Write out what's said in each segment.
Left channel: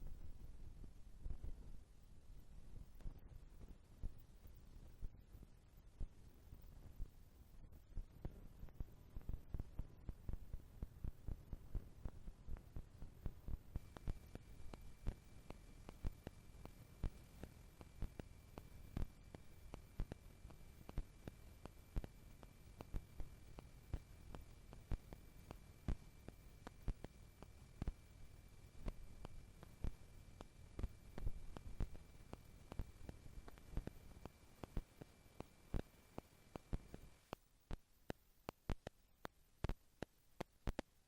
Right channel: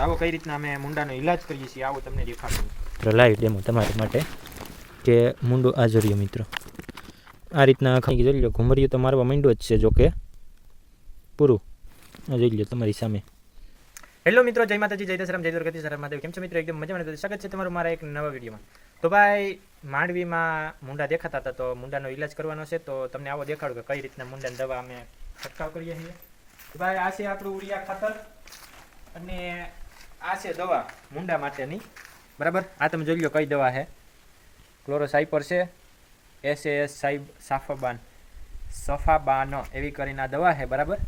આવો કઈ રીતના અમે મુંડાનો ઈલાજ કરીએ છીએ આવો તમને દેખાડું. મિત્રો લાઈવ ડેમો તમારી માટે કે મુંડો આ જોડ્યો મિત્રો. આ રીતના ખાઈ જોઈ લો ઘુમરિયું તો મારવા માંડ્યો જ છે જોકે પૂરું. આ જોઈ લો તમારી સામે. હેલો મિત્રો જય માતાજી જય દશરામ જય દુર્ગતિ સરામ મહાદેવ. કેમ છો મિત્રો? એકદમ મજામાં સ્વાગત છે તમારું મારા એક નવા વિડીયોમાં. તો ભાઈ માંડવીમાં મુંડા દેખાતા હતા તો મુંડાનો ઈલાજ કરવાનો છે તો તમને આવો દેખાડું કે કઈ રીતના મુંડાની દવા અમે છંટકાવ કરીએ છીએ. ભાઈ આ છે આપણું ઉરિયા ખાતર. અને આ છે દવા, મુંડા માટેની. બરાબર? આ તમે જોઈ લો કઈ દવા છે. ક્લોરોસાઇપર છે એસ એસ સાઈબ સાફાબાન. સફાબાન, એવી કરીને આ દવા છે, બરાબર?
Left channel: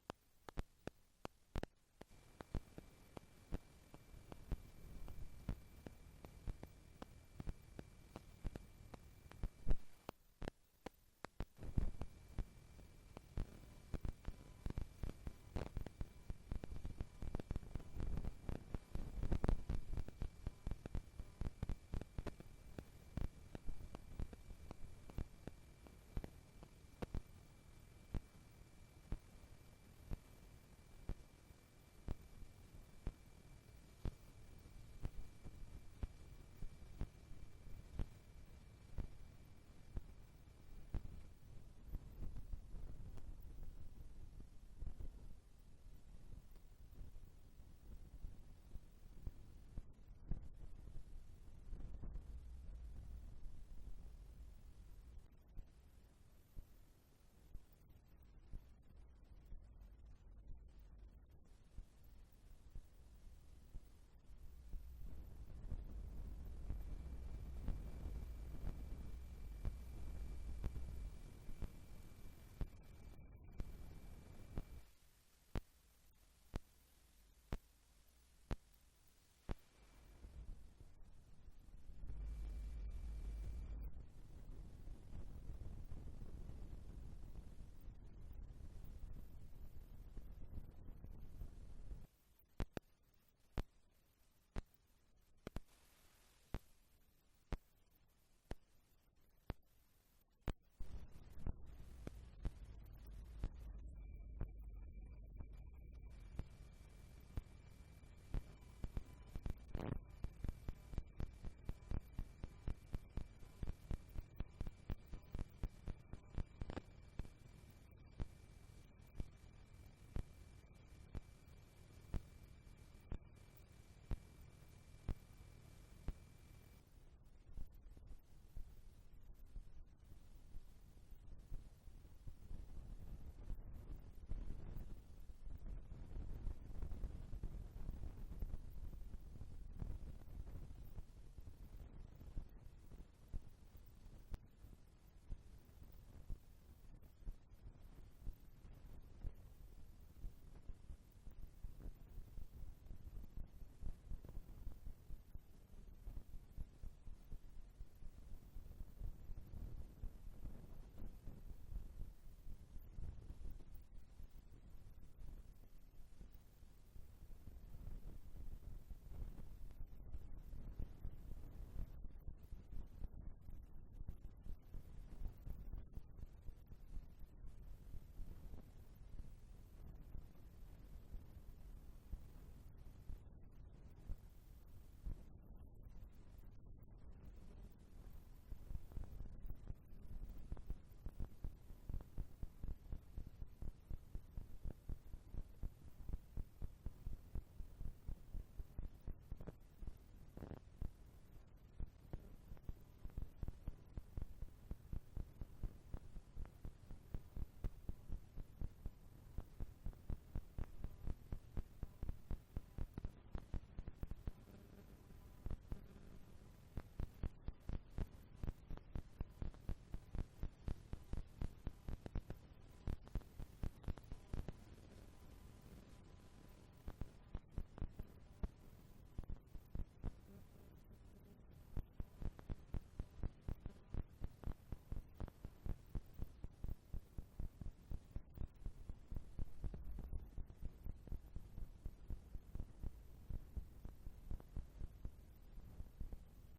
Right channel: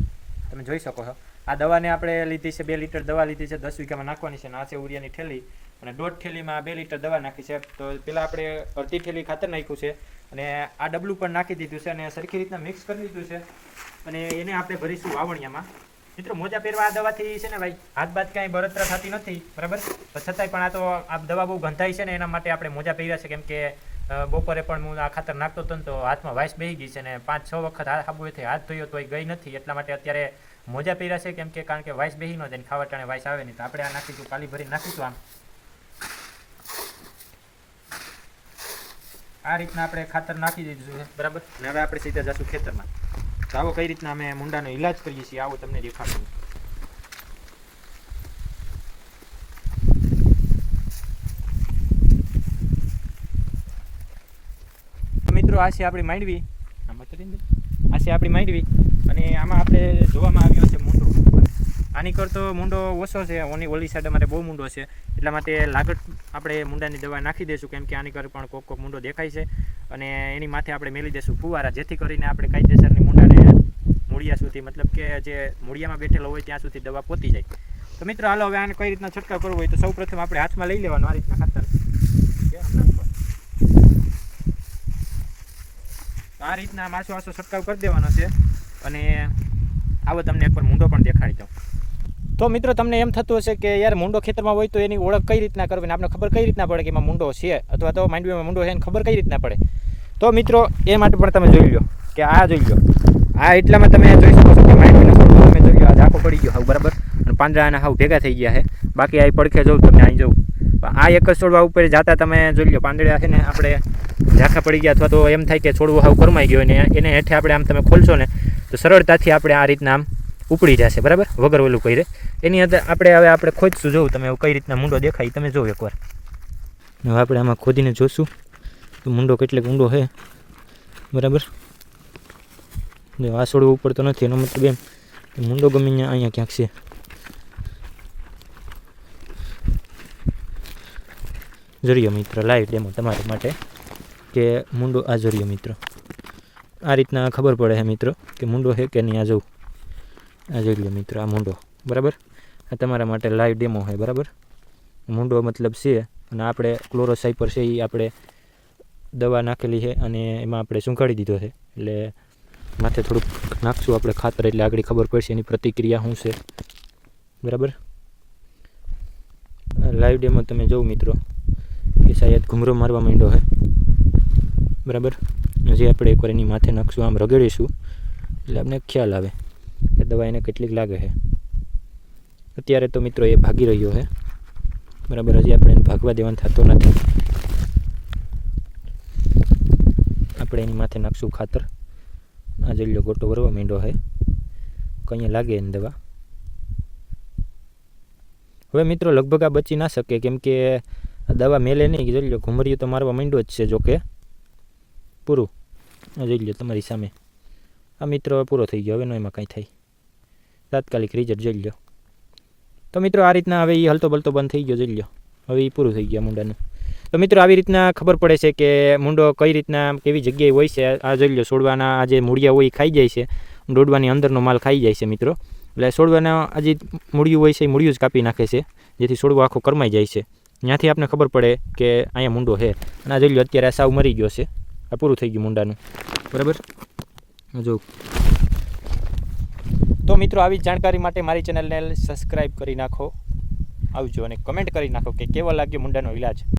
તમે જોઈ શકો છો. આ દવાને આપણે લીધી છે, બે લીટર દવા લીધી છે, દસ વીઘામાં નાખવાની છે અને આ છે ઉરિયાની થેલી. અને દોઢ થેલીમાં બે લીટર દવા નાખી છે. તો પહેલાં આપણે અડધી થેલી ખાતર નાખ્યું છે. અને આ ડબલું પણ નાખી દીધું છે અને સરખી રીતના મિક્સ કરી દીધું છે. અને એને આપણે ભરીશું વાવણિયામાં. મિત્રો, મોજા પહેરવા આ દવાથી છે ને ભાઈ, હાથ બાદ કાંઈ બળતરા થતી નથી, બરાબર? છતાંય પણ આ તો આ દવા બહુ ગંધાઈ છે ને, એના માટે આપણે મોજા પહેર્યા છે, કેમ કે બપોરે પણ હું આ ખાતર નાખતો હતો ને, તો હાથમાં વાઇસ બેસી ગઈ છે ને, પાંચ છ વખત હાથ એથી હાથ ધોયો તો એ ગઈ નથી, એટલા માટે અત્યારે મોજા પહેર્યા છે, કેમ કે, કારણ કે વાઇસ બેસી ન જાય ખાવા ટાણે વાઇસ આવે નહીં, તો આપણે આ નાખીશું કાલી ભરી નાખીશું આમ. આ રીતના આપણે ખાતર નાખી દીધું છે, બરાબર? ને હવે આપણે સીધા જશું ખેતરમાં. તો આવો કઈ રીતના અમે મુંડાનો ઈલાજ કરીએ છીએ આવો તમને દેખાડું. મિત્રો આ છે આપણી માંડવી. આ છે આપણી માંડવી. અને આમાં આપણે જોવામાં આવ્યો છે મૂંડો. આની કરતો મૂંડો ઓછો છે ઓની ઓલી સાઈડ અમારે બહુ મૂંડો છે. એટલા માટે લાગટ આપણે મૂંડાની દવા નાખી દઈશું કેમ કે આની કર પણ કોક કોક મૂંડો દેખાય છે. અને એની માથે આપણે મેલી દઈશું ફુવારા જેથી કરીને આપણે કાયદેસરની મૂંડાને મૂળિયા સુધી, મતલબ કે જે મૂળિયામાં બેઠેલો હોય ત્યાં સુધી દવા પહોંચી જાય. તો મિત્રો, હાલો, હવે આને કઈ રીતના છંટકાવ કરવો હોય તો સૌપ્રથમ આપણે હાથમાં લઈ લેવાનું આ રીતના ખાતર. આ રીતના માસો આસો છંટકાવ કરી દેવાનો છે અને આવો તમને એકવાર મૂંડો પણ દેખાડી દઉં. તો મિત્રો, તમને એમ થતું હશે કે યાર મૂંડો ખેતરમાં હોય તો એની ઓળખ કઈ રીતના કરવી આપણે ખબર કઈ રીતના પડે કે એમાં મૂંડો છે? અથવા તો માંડવીમાં મૂંડો છે એને ખબર કઈ રીતના પડે? તો મિત્રો, એ માટે પણ તમે જોઈ લો કે આ જોઈ લો આ એટલામાં તમે જોઈ શકો છો કે છોડવો તમે જોઈ લો આ ઝાંખો પડી ગયો હાવ, બરાબર? અને પાંદડા આના હાવ ભેગા થઈ ગયા છે બાકી આ પડખે જોઉં તમને અહીં જોઉં. પણ આ એક જ છોડવા ઉપર જાતા તમે જોઈ લો પાંદડા છે ને આપણે ઝાંખા પડી ગયા અથવા તો એમ થાય કે છોડવો હાવ કરમાઈ ગયો ને એને હેઠે આપણે આમ તમે ખોલશો ને, તો સરળતાથી આપણે આ રીતના આમ ઉપડી જશે, બરાબર? વગર ઓલું કહી રહે એની અંદર આપણે હવે આપણે ખોદશું જોવું તમે કઈ રીતના મૂંડો દેખાય તમે જોવો એકવાર. હવે આપણે આમાં ખોદીને જોશું. તો મૂંડો કેટલેક ઊંડો છે બરાબર? જો આ છોડવો ઉપર તો નથી, એનો મતલબ એમ મુંડો ગમીને અહીંયા ક્યાંક છે. જોરિયો મિત્ર લાઈવ ડેમો તમારા માટે કે મુંડો, આ જોરિયો મિત્રો? આ રીતના ખબર પડે છે મિત્રો કે મુંડો છે કે નહીં, આ જવું. આ જોઈ મિત્ર મિત્રો આ મુંડો, બરાબર? આ તમારા માટે લાઈવ ડેમો છે બરાબર? મુંડો મતલબ છે અને આપણે ક્લોરોસાઇપર છે એ આપણે દવા નાખેલી છે અને એમાં આપણે સુંઘાડી દીધો છે. એટલે માથે થોડુંક નાખશું આપણે ખાતર એટલે આગળ ખબર પડશે એની પ્રતિક્રિયા શું છે. બરાબર? લાઈવ ડેમાં તમે જોઉં મિત્રો. કે શાયદ ઘૂમરો મારવા માંડ્યો છે બરાબર? હજી આપણે એકવાર એની માથે નાખશું, આમ રગડીશું. એટલે આપણે ખ્યાલ આવે કે દવા એને કેટલીક લાગે છે અત્યારે તો મિત્રો એ ભાગી રહ્યો છે બરાબર? હજી આપણે એને ભાગવા દેવાનું થતો નથી. આપણે એની માથે નાખશું ખાતર. આ જોઈ લો ગોટો ભરવા માંડ્યો છે કંઈ લાગે એને દવા? હવે મિત્રો લગભગ આ બચી ના શકે કેમ કે દવા મેલે નહીં. જોઈ લો ઘુમરિયું તો મારવા માંડ્યો જ છે જોકે. પૂરું. આ જોઈ લો તમારી સામે. આ મિત્રો પૂરો થઈ ગયો. હવે નો એમાં કાંઈ થાય. તાત્કાલિક રિઝલ્ટ જોઈ લો તો મિત્રો આ રીતના હવે એ હલતો બલતો બંધ થઈ ગયો જોઈ લો હવે એ પૂરું થઈ ગયા મુંડાનું. તો મિત્રો આવી રીતના ખબર પડે છે કે મુંડો કઈ રીતના કેવી જગ્યાએ હોય છે? આ જોઈ લો છોડવાના આ જે મૂળિયા હોય એ ખાઈ જાય છે. દોડવાની અંદરનો માલ ખાઈ જાય છે મિત્રો. એટલે છોડવાના આ જે મૂળિયું હોય છે એ મૂળિયું જ કાપી નાખે છે. જેથી છોડવો આખો કરમાઈ જાય છે. ત્યાંથી આપણે ખબર પડે કે અહીંયા મૂંડો છે. અને આ જોઈ લો, અત્યારે આ સાવ મરી ગયો છે. આ પૂરું થઈ ગયું મૂંડાનું. બરાબર? જો તો મિત્રો આવી જાણકારી માટે મારી ચેનલને સબસ્ક્રાઈબ કરી નાખો. આવજો અને કમેન્ટ કરી નાખો કે કેવો લાગ્યો મુંડાનો ઈલાજ.